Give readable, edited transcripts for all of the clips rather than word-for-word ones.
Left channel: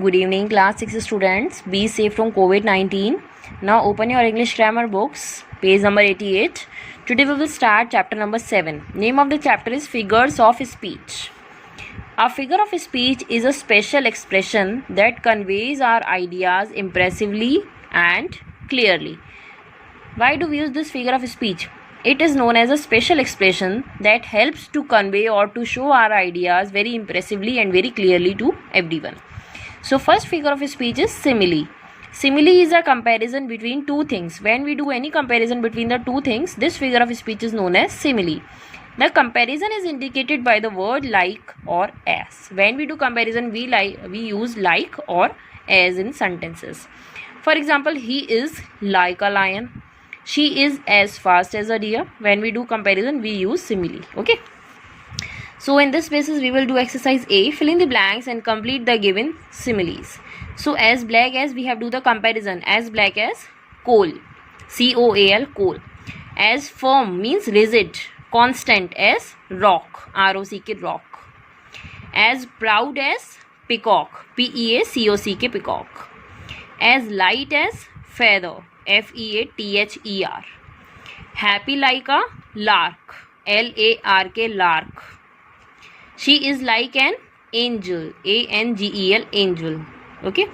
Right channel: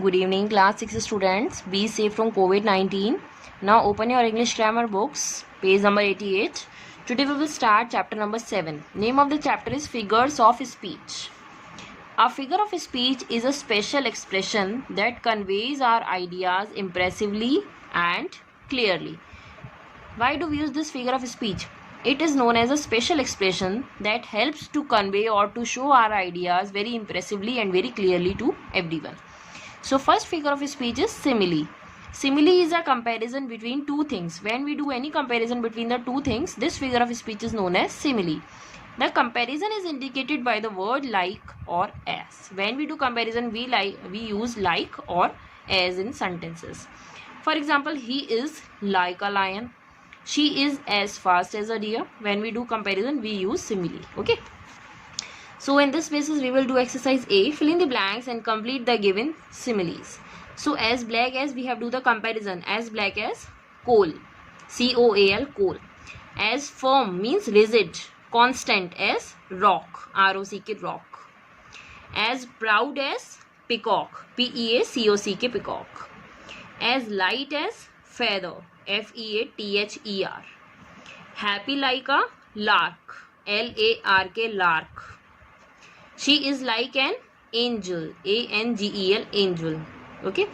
Good evening, class 6 students. Be safe from COVID-19. Now open your English grammar books, page number 88. Today we will start chapter number 7. Name of the chapter is Figures of Speech. A figure of speech is a special expression that conveys our ideas impressively and clearly. Why do we use this figure of speech? It is known as a special expression that helps to convey or to show our ideas very impressively and very clearly to everyone. So first figure of speech is simile. Simile is a comparison between two things. When we do any comparison between the two things, this figure of speech is known as simile. The comparison is indicated by the word like or as. When we do comparison, we use like or as in sentences. For example, he is like a lion. She is as fast as a deer. When we do comparison, we use simile. Okay. So in this basis, we will do exercise A, fill in the blanks and complete the given similes. So as black as, we have to do the comparison. As black as coal, C-O-A-L, coal. As firm means rigid, constant as rock, R-O-C-K, rock. As proud as peacock, P-E-A-C-O-C-K, peacock. As light as feather, F-E-A-T-H-E-R. Happy like a lark, L-A-R-K, lark. She is like an angel, A-N-G-E-L, angel. Okay.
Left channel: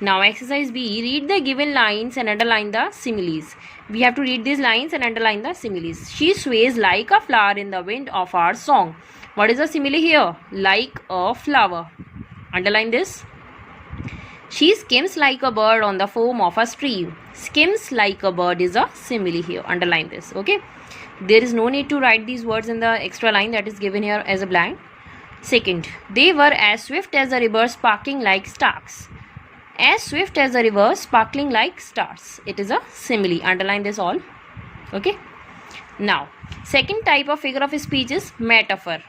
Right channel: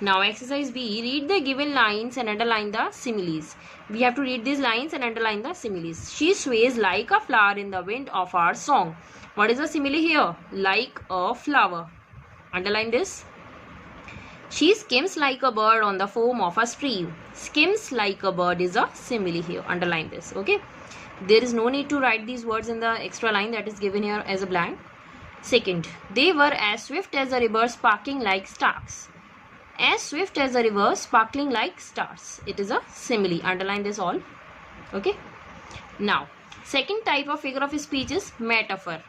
Now exercise B, read the given lines and underline the similes. We have to read these lines and underline the similes. She sways like a flower in the wind of our song. What is the simile here? Like a flower. Underline this. She skims like a bird on the foam of a stream. Skims like a bird is a simile here. Underline this. Okay. There is no need to write these words in the extra line that is given here as a blank. Second, they were as swift as a river, sparkling like stars. As swift as a river, sparkling like stars. It is a simile. Underline this all. Okay. Now, second type of figure of speech is metaphor.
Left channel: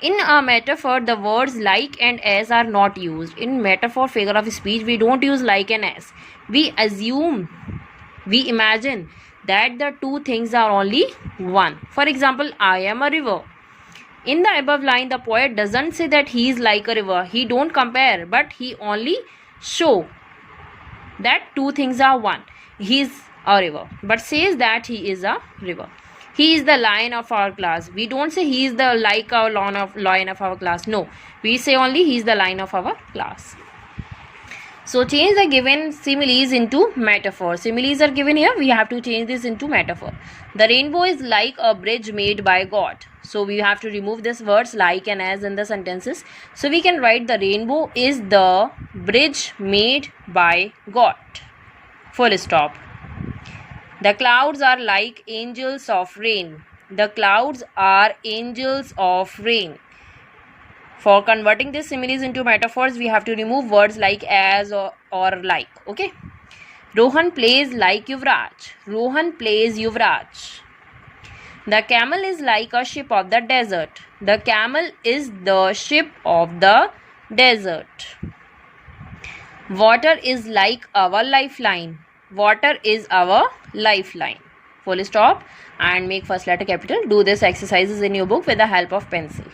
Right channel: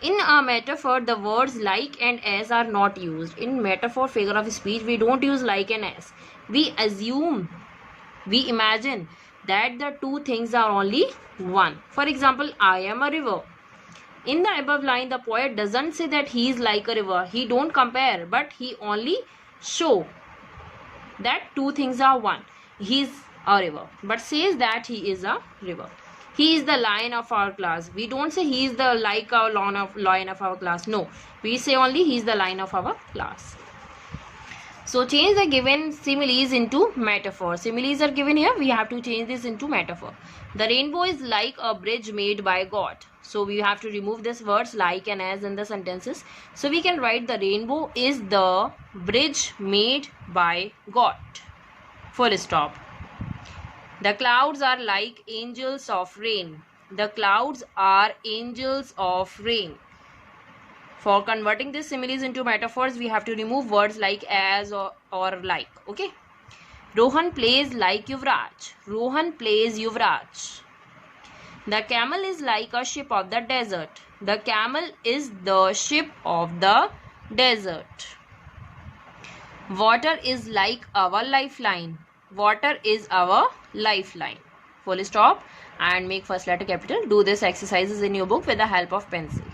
In a metaphor, the words like and as are not used. In metaphor figure of speech, we don't use like and as. We assume, we imagine that the two things are only one. For example, I am a river. In the above line, the poet doesn't say that he is like a river. He don't compare, but he only show that two things are one. He is a river, but says that he is a river. He is the lion of our class. We don't say he is the like our lion of our class. No, we say only he is the lion of our class. So change the given similes into metaphor. Similes are given here. We have to change this into metaphor. The rainbow is like a bridge made by God. So we have to remove this words like and as in the sentences. So we can write the rainbow is the bridge made by God. Full stop. The clouds are like angels of rain. The clouds are angels of rain. For converting these similes into metaphors, we have to remove words like as or like. Okay. Rohan plays like Yuvraj. Rohan plays Yuvraj. The camel is like a ship of the desert. The camel is the ship of the desert. Water is like our lifeline. Water is our lifeline. Full stop and make first letter capital. Do this exercises in your book with the help of pencil.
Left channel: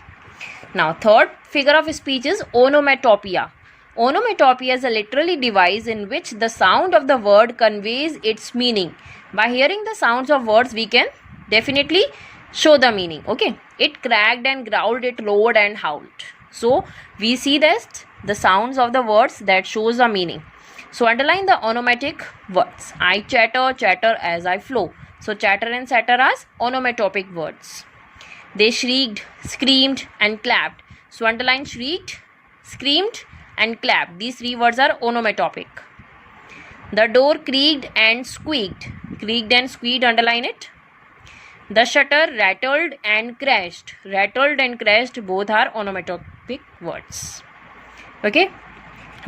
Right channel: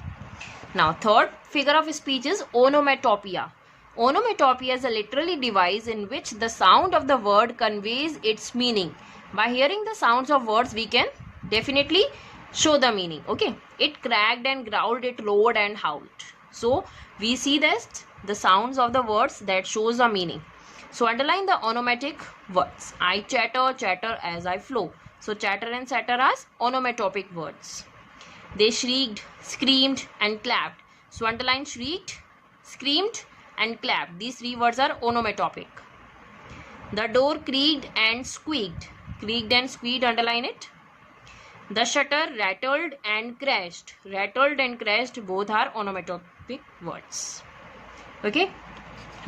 Now, third figure of speech is onomatopoeia. Onomatopoeia is a literary device in which the sound of the word conveys its meaning. By hearing the sounds of words, we can definitely show the meaning. Okay. It cracked and growled, it roared and howled. So, we see that the sounds of the words that shows the meaning. So, underline the onomatopoeic words. I chatter, chatter as I flow. So, chatter and chatter are onomatopoeic words. They shrieked, screamed and clapped. So underline shrieked, screamed and clapped. These three words are onomatopoeic. The door creaked and squeaked. Creaked and squeaked, underline it. The shutter rattled and crashed. Rattled and crashed, both are onomatopoeic words. Okay.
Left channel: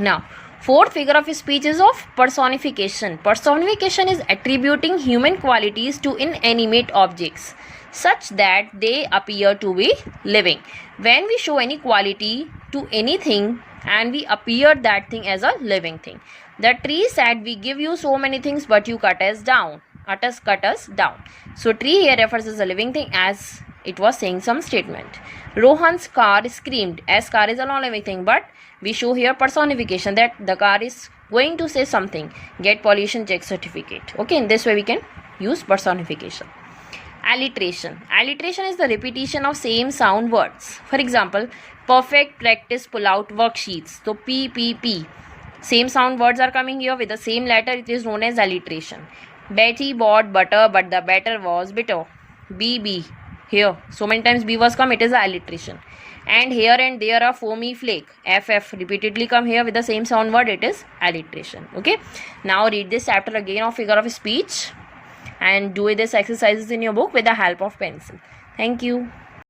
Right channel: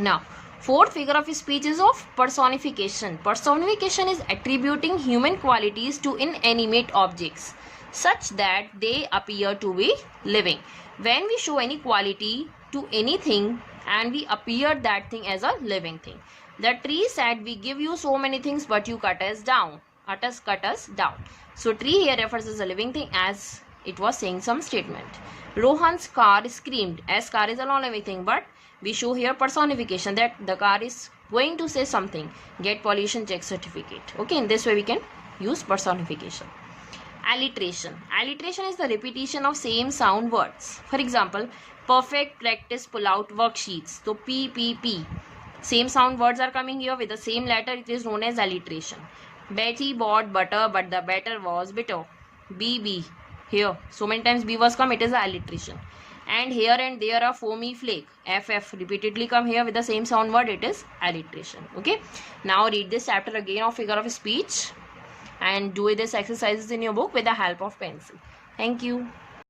Now, fourth figure of speech is of personification. Personification is attributing human qualities to inanimate objects, such that they appear to be living. When we show any quality to anything and we appear that thing as a living thing. The tree said, we give you so many things but you cut us down. Cut us down. So tree here refers as a living thing as it was saying some statement. Rohan's car screamed, as car is a non-living thing, but we show here personification, that the car is going to say something, get pollution check certificate. Okay, in this way we can use personification. Alliteration. Alliteration is the repetition of same sound words. For example, perfect practice pull out worksheets. So P, P, P. Same sound words are coming here with the same letter. It is known as alliteration. Betty bought butter, but the batter was bitter. B, B. Here, so many times B was come, it is alliteration. And here and there are foamy flake. F, F repeatedly come here with the same sound word. It is alliteration. Okay. Now read this chapter again of figure of speech and do this exercises in your book with the help of pencil. Thank you.